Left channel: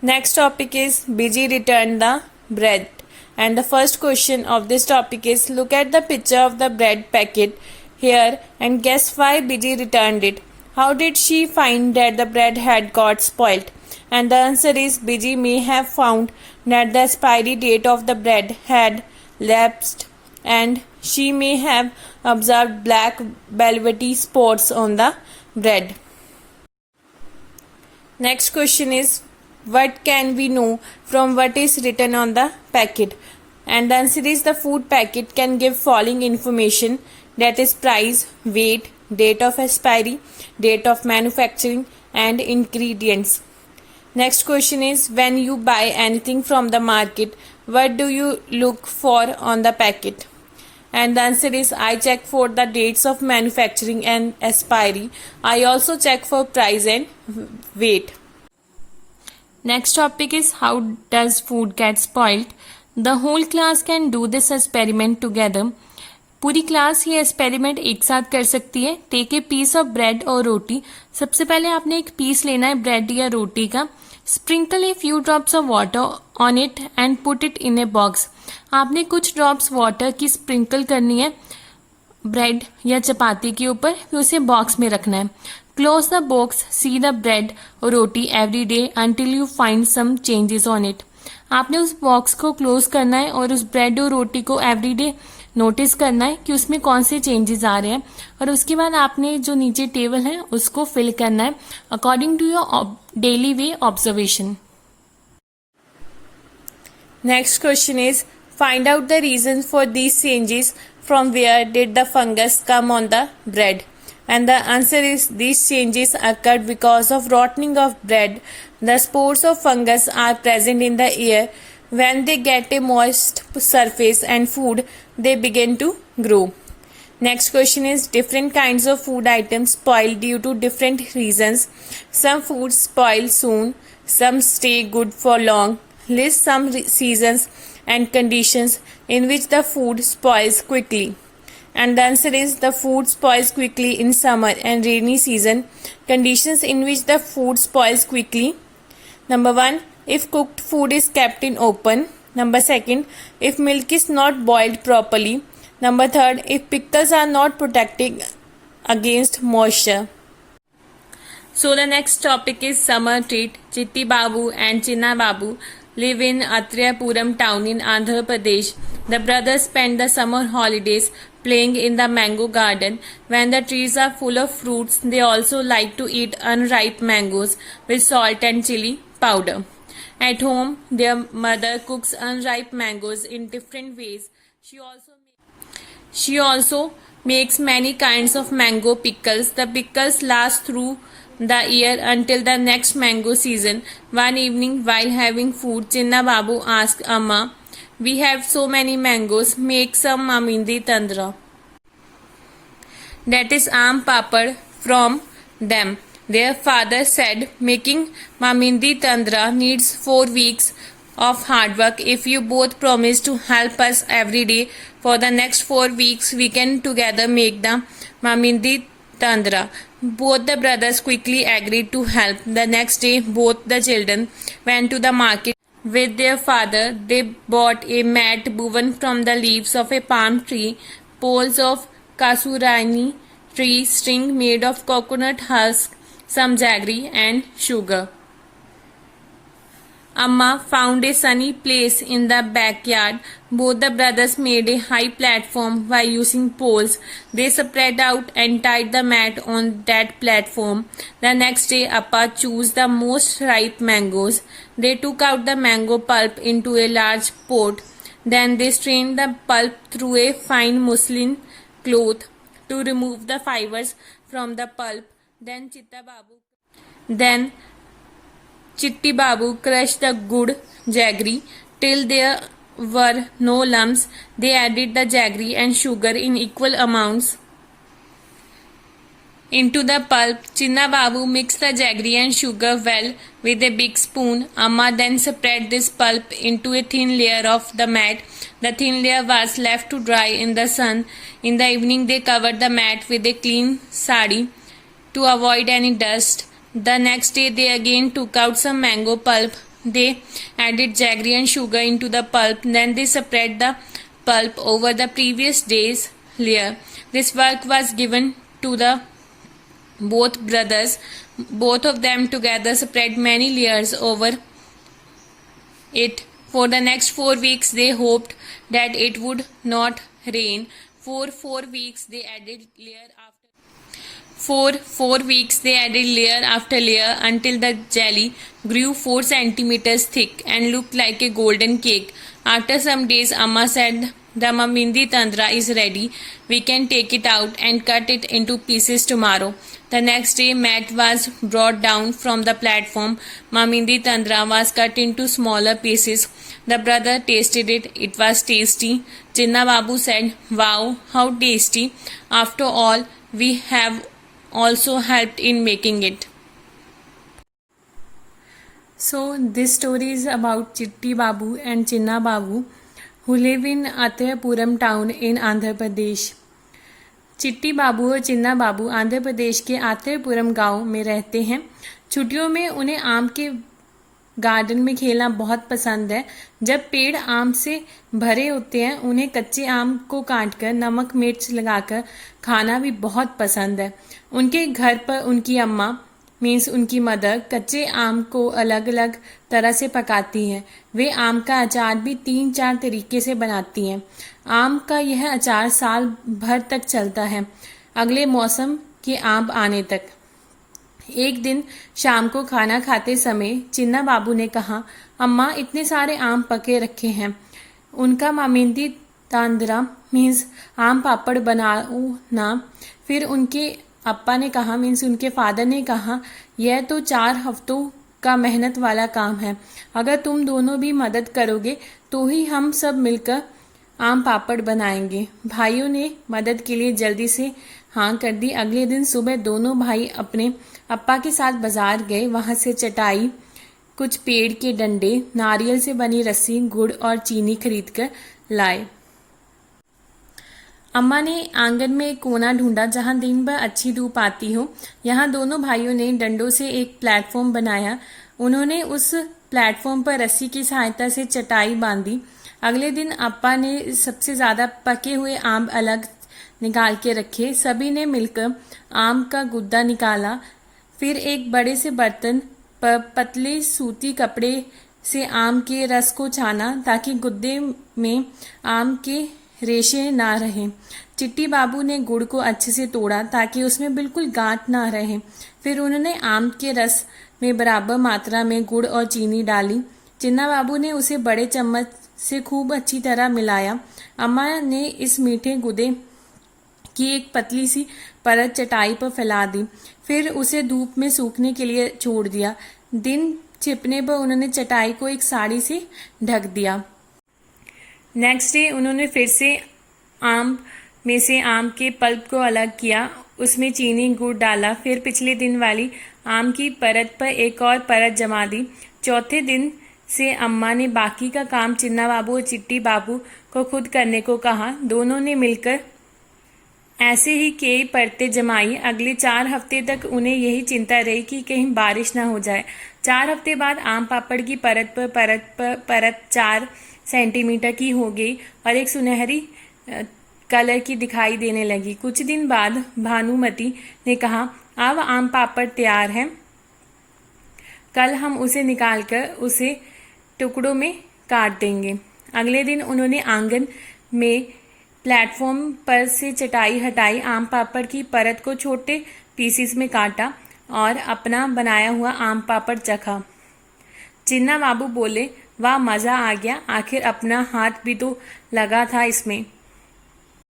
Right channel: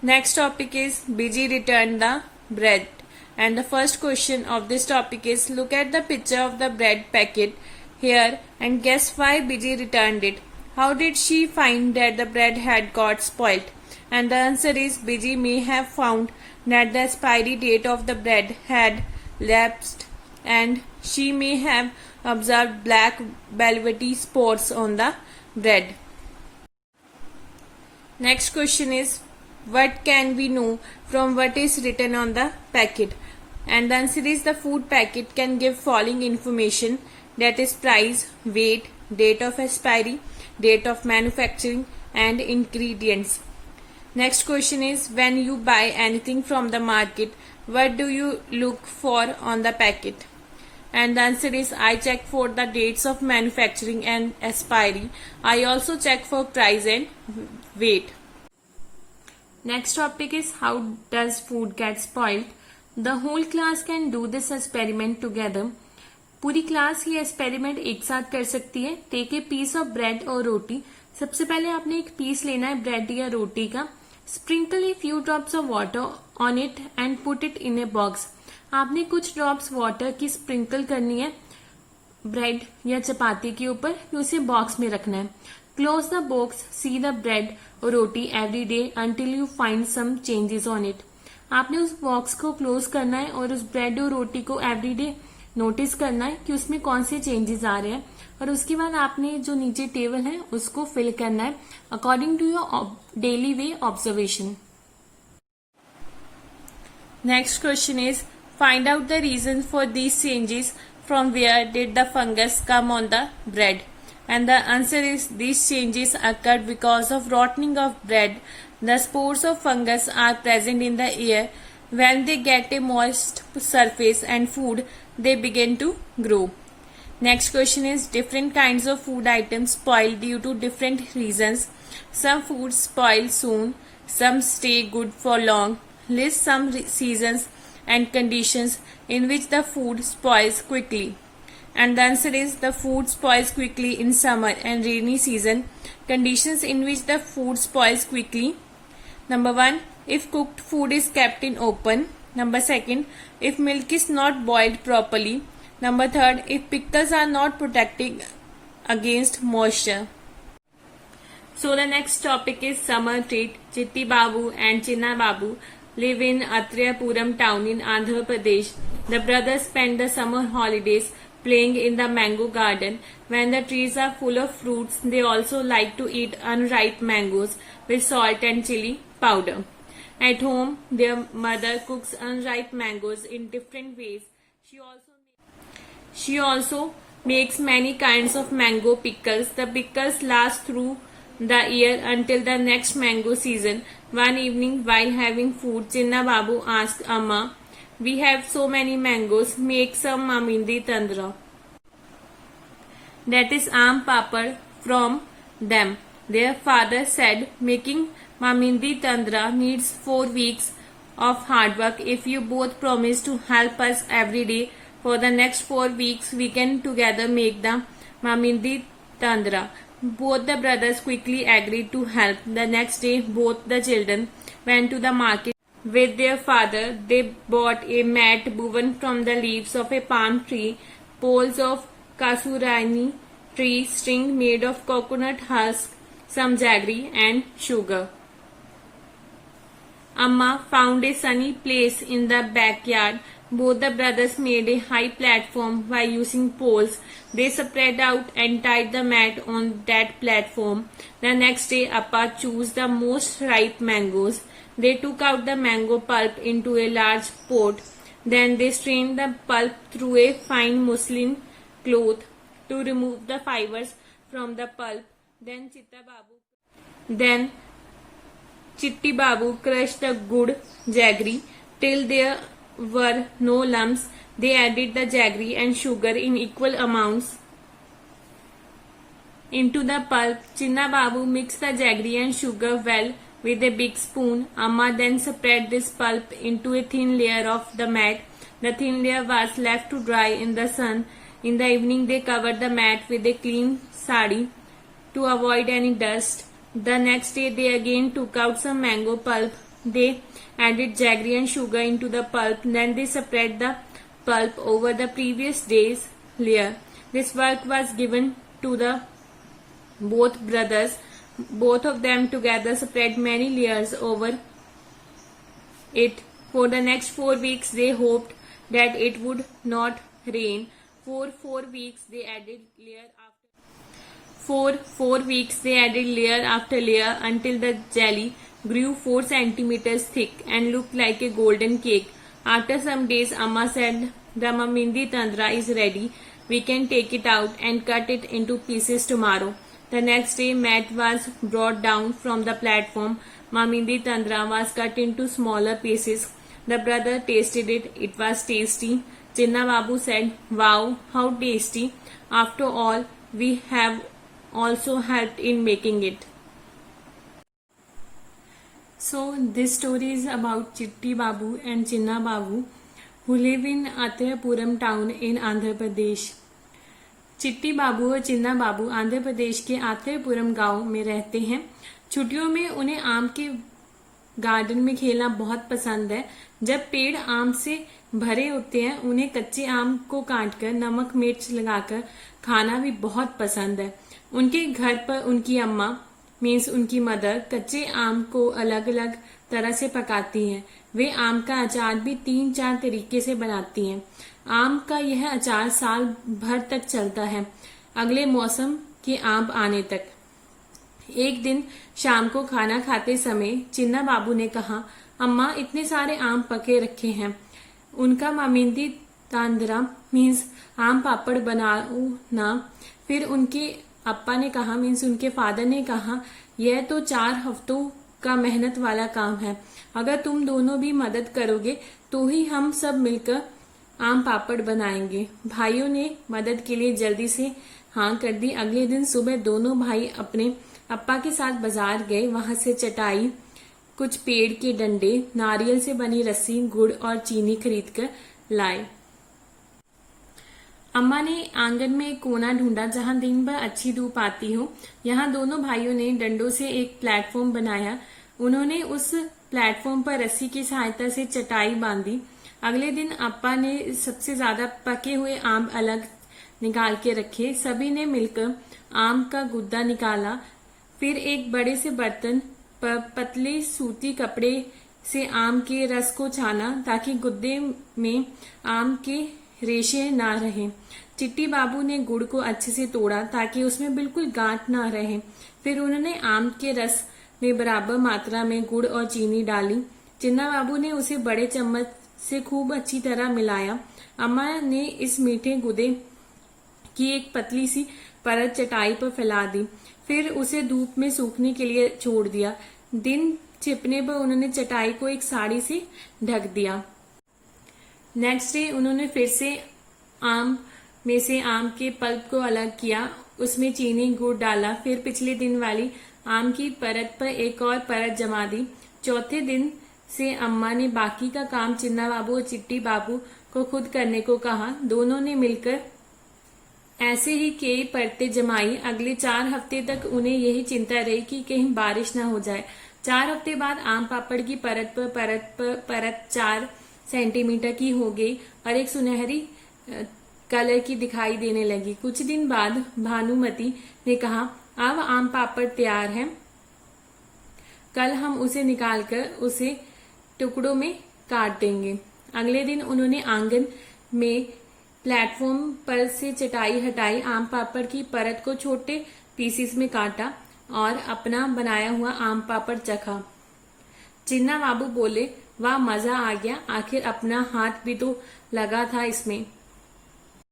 Next topic is Biji returned the bread. And the first question of this topic is look at the picture of the bread packet here and guess why Biji returned it. How did she find that the bread had got spoilt? And the answer is Biji may have found that the expiry date of the bread had lapsed and she may have observed black velvety spots on the bread. Next question is what can we know from what is written on the packet? And the answer is the food packet can give following information, that is price, weight, date of expiry, date of manufacturing and ingredients. Next question is when you buy anything from the market, what do you look for on the packet? And the answer is I check for the dates of manufacturing and expiry. I also check for price and weight. Next topic is how does food get spoiled? The whole class can do this experiment together. पूरी class ये experiment एक साथ कर सकती है. Take a piece of bread और रोटी. सबसे पहले आपने एक पीस लेना है ब्रेड या रोटी का. Sprinkle a few drops of water on it and put it in a box. आपने कुछ ड्रॉप्स वाटर की स्प्रिंकल करनी है ब्रेड या चपाती के ऊपर, फिर उसे बॉक्स में रखना है. Close the box, see the bread और रोटी every day until you find some changes on it. आपने उस बॉक्स को क्लोज करना है और उस ब्रेड और रोटी को एवरी डे नोटिस करना है कि उसमें कौन से चेंजेस आ रहे हैं, और उसके बाद आपने जो नीचे टेबल है उसको फिल करना है according to your daily way observation. Next question is find out the reason for these changes. From where did the fungus come on the bread? And the answer is these changes occurred because of rotting of bread. The spores of fungus are present in the air. When they get a moist surface and food, they begin to grow. Next question is different kinds of food items spoil due to different reasons. Some foods spoil soon, some stay good for long. List some seasons and conditions in which the food spoils quickly. And the answer is the food spoils quickly in summer and rainy season. Conditions in which the food spoils quickly. Number 1, if cooked food is kept in open. Number 2, if milk is not boiled properly. Number 3, if pickles are not protected against moisture. So the next topic is summer treat. Chitti Babu and Chinna Babu live in Atrayapuram town in Andhra Pradesh. The brothers spend the summer holidays playing in the mango garden. When the trees are full of fruits, they also like to eat unripe mangoes with salt and chili powder. At home, their mother cooks unripe mangoes in different ways. She also makes many kinds of mango pickles. The pickles last through the year until the next mango season. One evening, while having food, Chinna Babu asked Amma, "We have so many mangoes, make some mamindi tandra." That is aam papad from them. Their father said, "Making mamindi tandra needs 4 weeks of hard work. If you both promise to help us every day for the next 4 weeks, we can together make the mamindi tandra." Both the brothers quickly agreed to help. The next day, both the children went to the market with their father. They bought a mat woven from the leaves of a palm tree, poles of kasurani tree, string made of coconut husk, some jaggery and sugar. Amma found a sunny place in the backyard. Both the brothers made a high platform by using poles. They spread out and tied the mat on that platform. The next day, Appa chose the most ripe mangoes. They took out the mango pulp into a large pot. Then they strained the pulp through a fine muslin cloth to remove the fibers from the pulp. Then Chitti Babu crushed the good jaggery till there were no lumps. They added the jaggery and sugar in equal amounts into the pulp. Chinna Babu mixed the jaggery and sugar well with a big spoon. Amma then spread this pulp into a thin layer of the mat. The thin layer was left to dry in the sun. In the evening, they covered the mat with a clean sari to avoid any dust. The next day, they again took out some mango pulp, They added jaggery and sugar into the pulp. Then they spread the pulp over the previous day's layer. This work was given to the both brothers. Both of them together spread many layers over it. For the next 4 weeks, they hoped that it would not rain. For 4 weeks, they added layer after. For 4 weeks, they added layer after layer until the jelly grew 4 centimeters thick and looked like a golden cake. After some days, Amma said, "The Mamindi Tandra is ready. We can take it out and cut it into pieces tomorrow." The next day, mat was brought down from the platform. Mamindi Tandra was cut into smaller pieces. The brother tasted it. It was tasty. Chinna Babu said, "Wow, how tasty. After all, we have also helped in making it." So, this story is about Chitti Babu and Chinna Babu, who live in Athayapuram town in Andhra Pradesh. चिट्टी बाबू और चिन्ना बाबू आंध्र प्रदेश के आथेपुरम गांव में रहते हैं। छुट्टियों में उन्हें आम के गार्डन में खेलना बहुत पसंद है। जब पेड़ आम से भरे होते हैं, उन्हें कच्चे आम को काटकर नमक मिर्च लगाकर खाना भी बहुत पसंद है। उनके घर पर उनकी अम्मा मीन्स उनकी मदर कच्चे आम को अलग अलग तरह से पकाती हैं। वे आम का अचार भी 3-4 तरीके से बनाती हैं। आम का यह अचार साल भर तक चलता है, अगले मौसम के आम आने तक। एक दिन शाम को खाना खाते समय चिन्ना बाबू ने कहा, "अम्मा, इतने सारे आम पके रखे हैं, उनका मामिंदी तांद्रा मीन्स आम पापड़ बनाओ ना।" फिर उनके अप्पा ने कहा मीन्स उनके फादर ने कहा, "यह तो 4 हफ्तों का मेहनत वाला काम है। अगर तुम दोनों भी मदद करोगे तो ही हम सब मिलकर आम पापड़ बनाएंगे।" भाइयों ने मदद के लिए जल्दी से हाँ कर दी। अगले दिन सुबह दोनों भाई अपने अप्पा के साथ बाजार गए। वहां से चटाई, कुछ पेड़ के डंडे, नारियल से बनी रस्सी, गुड़ और चीनी खरीद कर लाए। अम्मा ने आंगन में एक कोना ढूंढा जहां दिन भर अच्छी धूप आती हो। यहाँ दोनों भाइयों ने डंडों से एक प्लेटफॉर्म बनाया। उन्होंने उस प्लेटफॉर्म पर रस्सी की सहायता से चटाई बांधी। अगले दिन अप्पा ने सबसे ज्यादा पके हुए आम अलग निकाल के रखे। सभी ने मिलकर आम का गुद्दा निकाला। फिर एक बड़े से बर्तन पर पतले सूती कपड़े से आम के रस को छाना ताकि गुद्दे में आम के रेशे ना रहे। चिट्टी बाबू ने गुड़ को अच्छे से तोड़ा ताकि उसमें बिल्कुल गांठ ना रहे। फिर उन्होंने आम के रस में बराबर मात्रा में गुड़ और चीनी डाली। चिन्ना बाबू ने उसे बड़े चम्मच से खूब अच्छी तरह मिलाया। अम्मा ने इस मीठे गुदे की एक पतली सी परत चटाई पर फैला दी। फिर उसे धूप में सूखने के लिए छोड़ दिया। दिन छिपने पर उन्होंने चटाई को एक साड़ी से ढक दिया। नेक्स्ट डे उन्होंने फिर से आम में से आम के पल्प को अलग किया, उसमें चीनी गुड़ डाला। फिर पिछले दिन वाली आम की परत पर एक और परत जमा दी। चौथे दिन से अम्मा ने बाकी का काम चिन्ना बाबू और चिट्टी बाबू को खुद करने को कहा। दोनों ने मिलकर ऐसे ही कई परतें जमाई। अगले 4 हफ्ते तक उन्हें यही चिंता रही कि कहीं बारिश न हो जाए। 4 हफ्ते बाद आम पापड़ की परत पर परत 4 सेंटीमीटर की हो गई और एक सुनहरी कलर की दिखाई देने लगी। कुछ दिन बाद भानुमति ने कहा, "अब आम पापड़ तैयार है, कल हम उसे निकालकर उसे टुकड़ों में काट देंगे।" अगले दिन उन्होंने आंगन में प्लेटफॉर्म पर से चटाई हटाई, आम पापड़ की परत को छोटे पीसेस में काटा और अपना बनाया हुआ आम पापड़ चखा। चिन्ना बाबू बोले, "वाह, मजा आ गया, आखिर अपना हाथ भी तो लगा था इसमें।"